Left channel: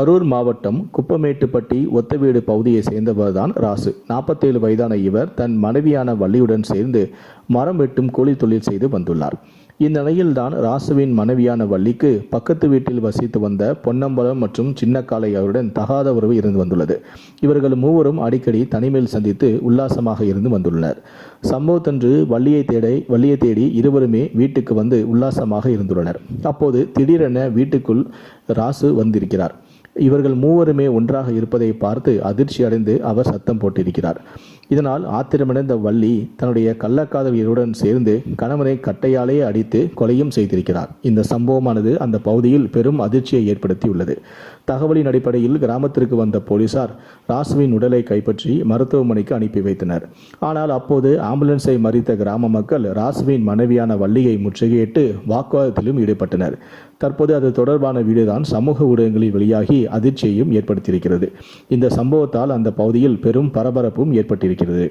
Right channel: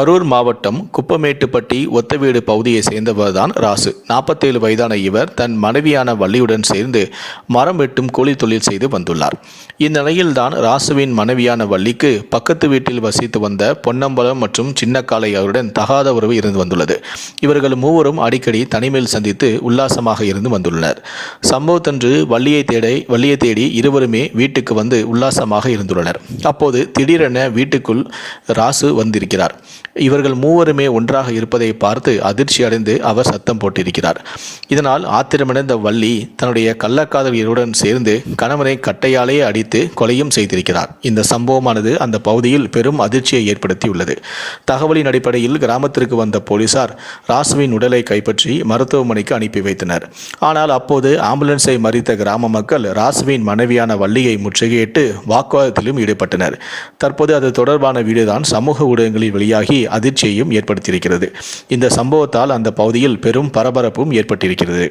கரூர் மாவட்டம் குப்பமேட்டுப்பட்டி ஒத்தவீடு பகுதியை சேர்ந்தவர்தான் ராசு. 47 வயதான இவர் தன் மனைவியான வள்ளியுடன் சேர்ந்து மரம் வெட்டும் கூலி தொழில் செய்து வந்துள்ளார். இந்நிலையில்தான் ராசுவின் மனைவியான வள்ளிக்கு பக்கத்து வீட்டில் வசித்து வந்த பொன்னம்பலம் மற்றும் சின்னக்காளை அவருடன் தகாத உறவு இருந்து வந்துள்ளது. இவர்கள் மூவரும் அடிக்கடி தனிமையில் சந்தித்து உல்லாசமாக இருந்து வந்துள்ளனர். சம்பவத்தன்று வள்ளியை தேடி இருவருமே வீட்டுக்கு வந்து உல்லாசமாக இருந்துள்ளனர். அப்போது திடீரென வீட்டுக்குள் ராசு வந்திருக்கிறார். இவர்கள் மூவருமே ஒன்றாக இருப்பதை பார்த்து அதிர்ச்சி அடைந்து அவர் சத்தம் போட்டிருக்கிறார். இதனால் ஆத்திரமடைந்த வள்ளி தன்னுடைய கள்ளக்காதலியருடன் சேர்ந்து கணவனை கட்டையாலே அடித்து கொலையும் செய்திருக்கிறார். இந்த சம்பவமானது அந்த பகுதியில் பெரும் அதிர்ச்சியை ஏற்படுத்தியுள்ளது. தகவலின் அடிப்படையில் கிராமத்திற்கு வந்த போலீசார் ராசுவின் உடலை கைப்பற்றி மருத்துவமனைக்கு அனுப்பி வைத்தனர். ஆனால் அப்போது ஆம்புலன்ஸை மறித்த கிராம மக்கள் ராசுவின் மனைவியான வள்ளியை முற்றுகையிட்டு வாக்குவாதத்திலும் ஈடுபட்டனர். தற்போது அது தொடர்பான வீடியோதான் சமூக ஊடகங்களில் வெளியாகி அதிர்ச்சியையும் ஏற்படுத்தியிருக்கிறது. இந்த சம்பவத்தால் அந்த பகுதியில் பெரும் பரபரப்பும் ஏற்பட்டிருக்கிறது.